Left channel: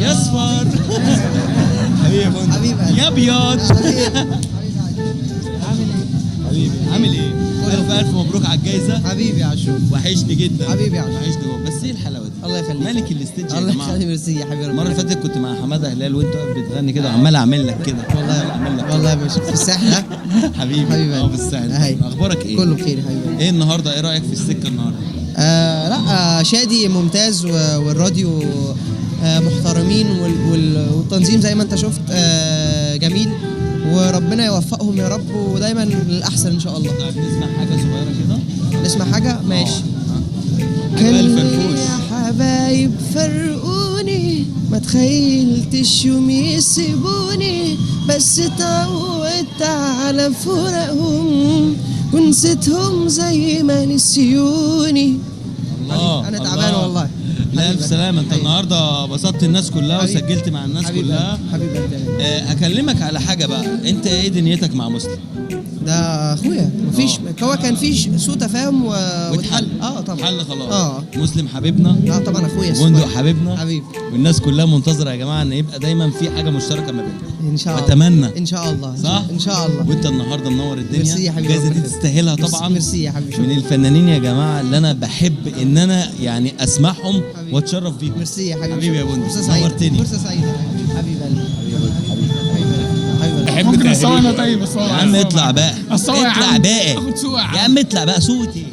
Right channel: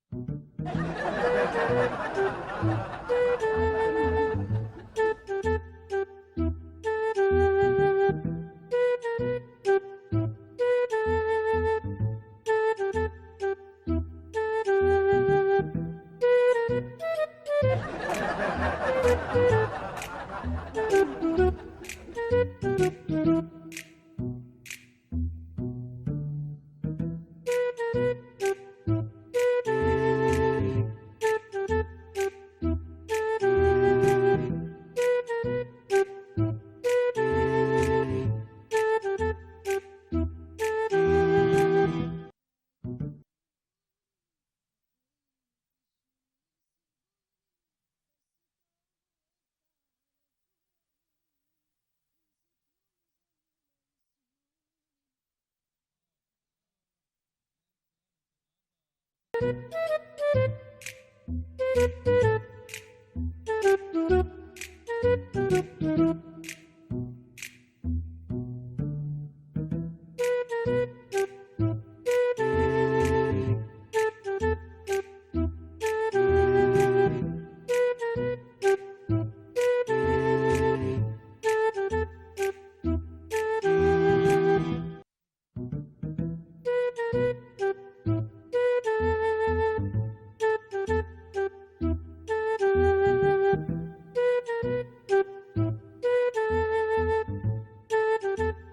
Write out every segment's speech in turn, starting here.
يا اصفر حبيبي يا ابيض حبيبي عامل ايه؟ الف مبروك على الجايزه حبيبي يا عاشور. وحشني جدا حبيبي يا عاشور. وحشني بس ايه الحلاوه دي؟ الله يخليك. مالك الاستيدج يا الله جماعه؟ يخليك. ميرسي يا حبيبي. المره اللي فاتت كنت مع حماده هلال وانت بتغني كده وعمال اعمل لك كده والله يا باشا في الساحل. حبيبي في الساحل. أيوة. اخبارك ايه؟ كله بخير يا حبيبي. ايه النهارده؟ ايه رايك في السكه النهارده؟ لا شادي ممتاز والراديو محترمين والتنظيم زي ما انت شفت جميل، وربنا يوفقهم يا رب ودايما للاحسن ان شاء الله. نسمع حاجه صغيره كده؟ نسمع حاجه ماشي. كان حبايب فرقوني ما تخيلتش يوم يسيبوني، بس اتعودت على فراقهم ونسيتهم زي ما نسيوني. الله انا تعبان والله. لا الف سلامه. انت النهارده بسطت الناس كلها وسجلت مع الناس كلها. حبيبي اكلمك على حاجه بقى، انت ايه دنيتك مع مسلم؟ ده اخويا مفيش هو كان فيش سوء تفاهم واتحل. طبعا حل خلاص. مسلم حبيبنا. طبعا اخويا بندق حبيبنا حبيبي. والناس كلها منتظره يا جماعه ان يبقى دايما في حاجه مشتركه ما بيننا ان شاء الله. اتمنى ان شاء الله. صح ان شاء الله. وانت النهارده منور الدنيا. ميرسي يا حبيبي. الجايزه دي تستاهلها طبعا. ميرسي يا حبيبي. من الفنانين يا جماعه اللي انا بحب ان انا يعني اسمعهم واتشرف بيهم. ميرسي يا حبيبي. حبيبي يا بندق فرصه سعيده. نورتني. فرصه سعيده حبيبي بحب ممكن اصور طيب اصور يا عم اطلع بقى اصور يا اطلع عم. بقى اخد صوره يا عم اطلع بقى صوتي.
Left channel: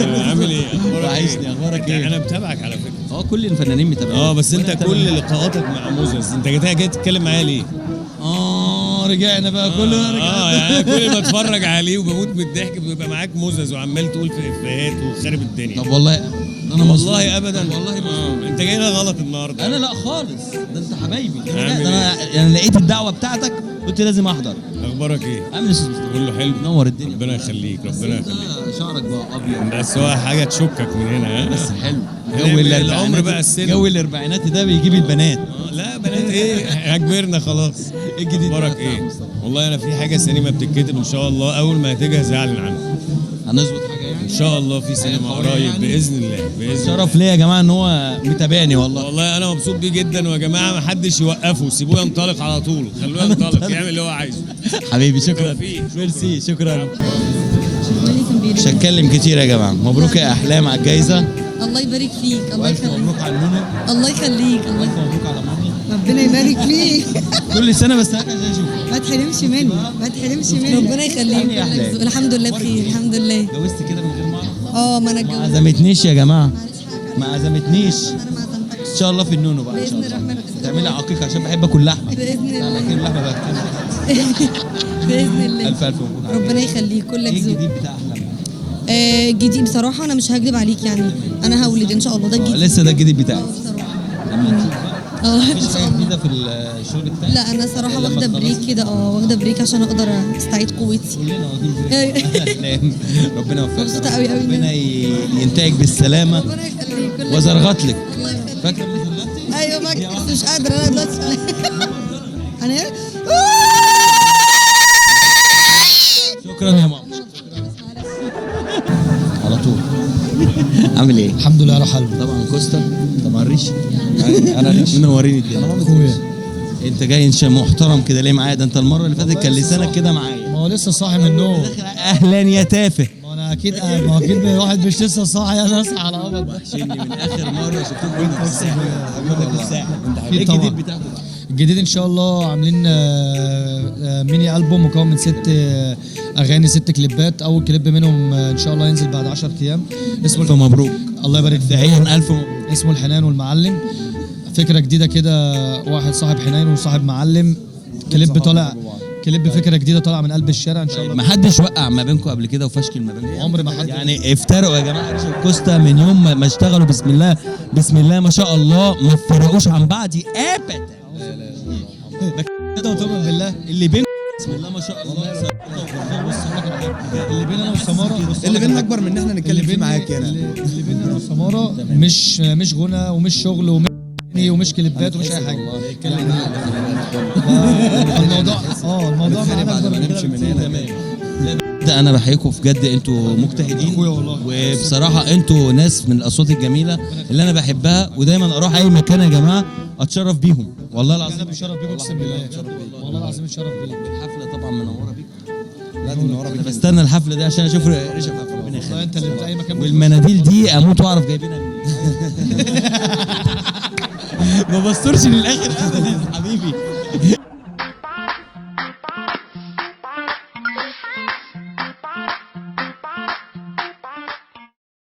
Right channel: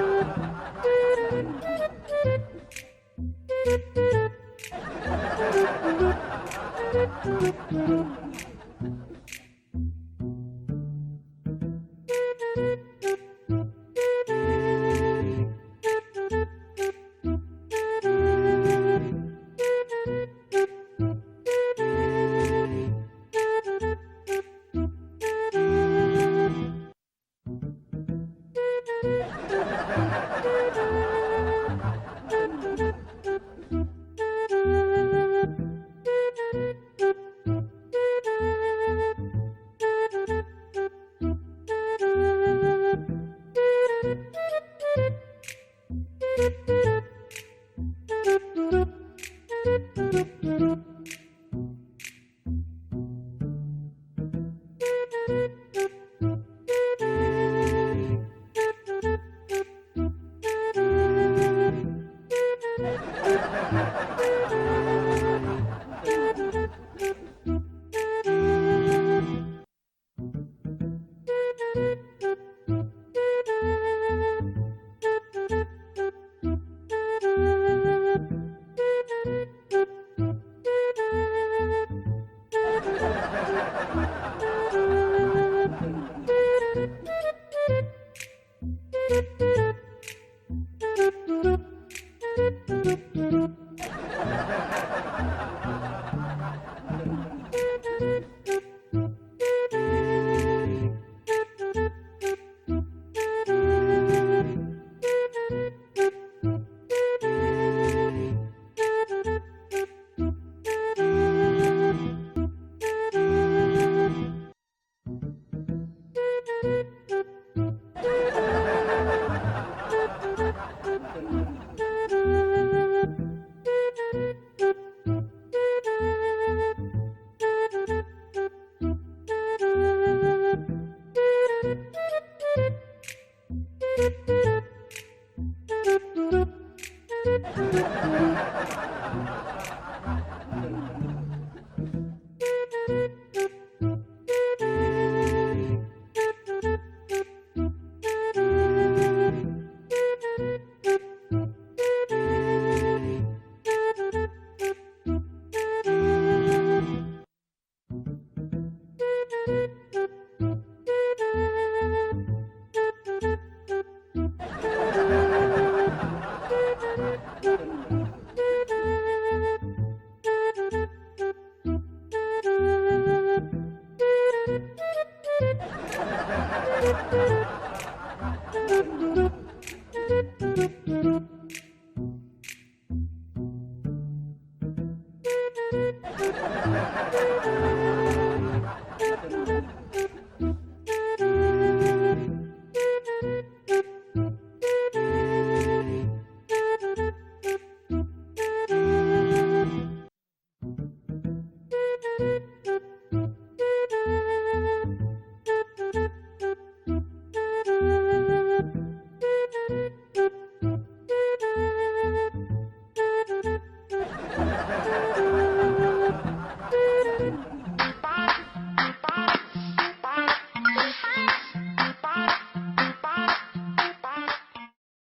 عامل ايه؟ وحشني. اخبارك ايه؟ انا متابعك على فكره. كل الفنانين متابعين. بس انت كل لقاءاتك مع موزس انت جاي تتكلم معايا ليه؟ رجعنا بقى كلنا رجعنا. يعني كل ما اتفرج عليه وبموت من الضحك بيبقى معاك موزس وعمال تقول في افيهات وخارب الدنيا. طب والله انا والله ابدا والله انت جاي لنا غلط النهارده. انا لا خالص، ده انت حبايبي. ده انا يعني لقيت الدعوه بتاعتك قلت لازم احضر. اخبارك ايه؟ كله حلو. نور الدنيا. ربنا يخليك ربنا يخليك. شعرك بقى ابيض بس هو حاجه تشكك من هنا. بس حلو. جو العمر بقى السن. جو الاربعينات ده بيجيب البنات. لا بنات ايه؟ كبرنا خلاص. ايه الجديد؟ اخبارك ايه؟ والله انا في حاجه سينما بتتكتب ان شاء الله اول ما تجهز اعلن عنها. هنظبط حاجه ان شاء الله في سينما قريب باذن الله باذن شرف ليا يا جماعه ان هو متابعني والله. والله انا مبسوط بيه جدا ويا جماعه ما حدش يوقفه سيبوه ينطلق على طول خلوه ينطلق يعمل اللي هو عايزه. حبيبي شكرا. ميرسي شكرا. مش هتكلم كتير يا جماعه. مبروك يا احلام على الجايزه. الله يبارك فيك. الله يخليك. مبروك على المنى. الله يخليك. الله مبروك على المنى. ربنا يبارك فيك. كل سنه بس عايز اشوفك. ما تحرمش مني ما تحرمش مني. ربنا يخليك. الحمد لله بخير الحمد لله. اتجوزت كده من غير ما اعرف؟ ما انا ما اتجوزت. عزمتنيش يا جماعه. ما عزمتنيش. انا ما عزمتكش. ان شاء الله في النونو بقى ان شاء باذن الله. الرحمن. تعملي عقيقه عشان بحب اكل لحمه. باذن لا، لكن الله. اللحمه بقى. باذن الله. الف مبروك. ربنا يخليك كلك ايه ذوق. الجديد بتاع احلام؟ جديد بصراحه انا مش هكذب عليك يعني انا هولد ان شاء الله ده الجديد. لسه ده الجديد بتاعك. بصراحه. مفيش حاجه جديده في الشغل بتاعك؟ لا انا صراحه واخده بريك كده واخده بريك عشان اقدر استعيد قوتي. كلنا واخدين ربنا يوفقك. مبسوطة أوي أوي. ربنا ينتهك بالسلامه ربنا يخليك. وزرغت لك. الله يخليك. فاكر اللي زرغتي؟ ايوه ما بس مش قادره انا دلوقتي. انا شكرا يا ماما. على طول. عامل ايه؟ الحمد لله على حالي. طبعا كوستا. طبعا ريش. انا ريش. منورين الدنيا. اخويا انت جاي انت محترم كده ليه معايا؟ ده انت المره اللي فاتت كان لسانك كده معايا. ما هو لسه صاحي من النوم. اهلا يا تافه. ما انا اكيد قاعد. ما هو اكيد الواحد مش لسه صاحي انا اصحى على امل. وحشني من اخر مره شفتك وانت في الساحل. ايه الجديد بتاعك؟ الجديد ان شاء الله عاملين ميني البوم مكون من 6 اغاني 6 كليبات. اول كليب منهم ان شاء الله ينزل بعد 10 ايام الف مبروك. الله يبارك فيك. دعيا الف مبروك. اسمه الحنان والمعلم. فكره جديده كده، واحد صاحب حنان وصاحب معلم. كليب فكره جديده طالعه من قلب الشارع ان شاء الله. ما حدش وقع ما بينكم قبل كده وفشكل ما بينكم؟ عمر ما حد يعني افترقوا يا جماعه عشان كوستا من يوم ما اشتغلوا بسم الله بسم الله ما شاء الله ما افترقوش عن بعض ابدا. كده وتؤمن بالله اللي بينكم بسم الله ما شاء الله. اللي بيننا وسماره اللي بيننا اكبر من ان احنا نتكلم فيه معاك هنا. اللي بيننا وسماره مش غنى ومش شغل ومش كليبات ومش اي حاجه. الموضوع معانا اكبر من كده. بجد انا بحييكم في جد، انتوا مجتهدين أخويا والله. وبصراحه انتوا ناس من الاصوات الجميله اللي انا بحبها، ودايما اروح اي مكان يا جماعه اتشرف بيهم والله العظيم. بشرف بيك اقسم بالله، والله العظيم اتشرف بيك. الحفله طبعا منوره بيك. لا دي منوره انا بيك. بستنى الحفله دي عشان اشوف رشا ربنا والله يخليك. انت اللي في اي مكان والمناديل دي اموت واعرف جايبينها منين. ما بسترش للاخر كده ليه حبيبي.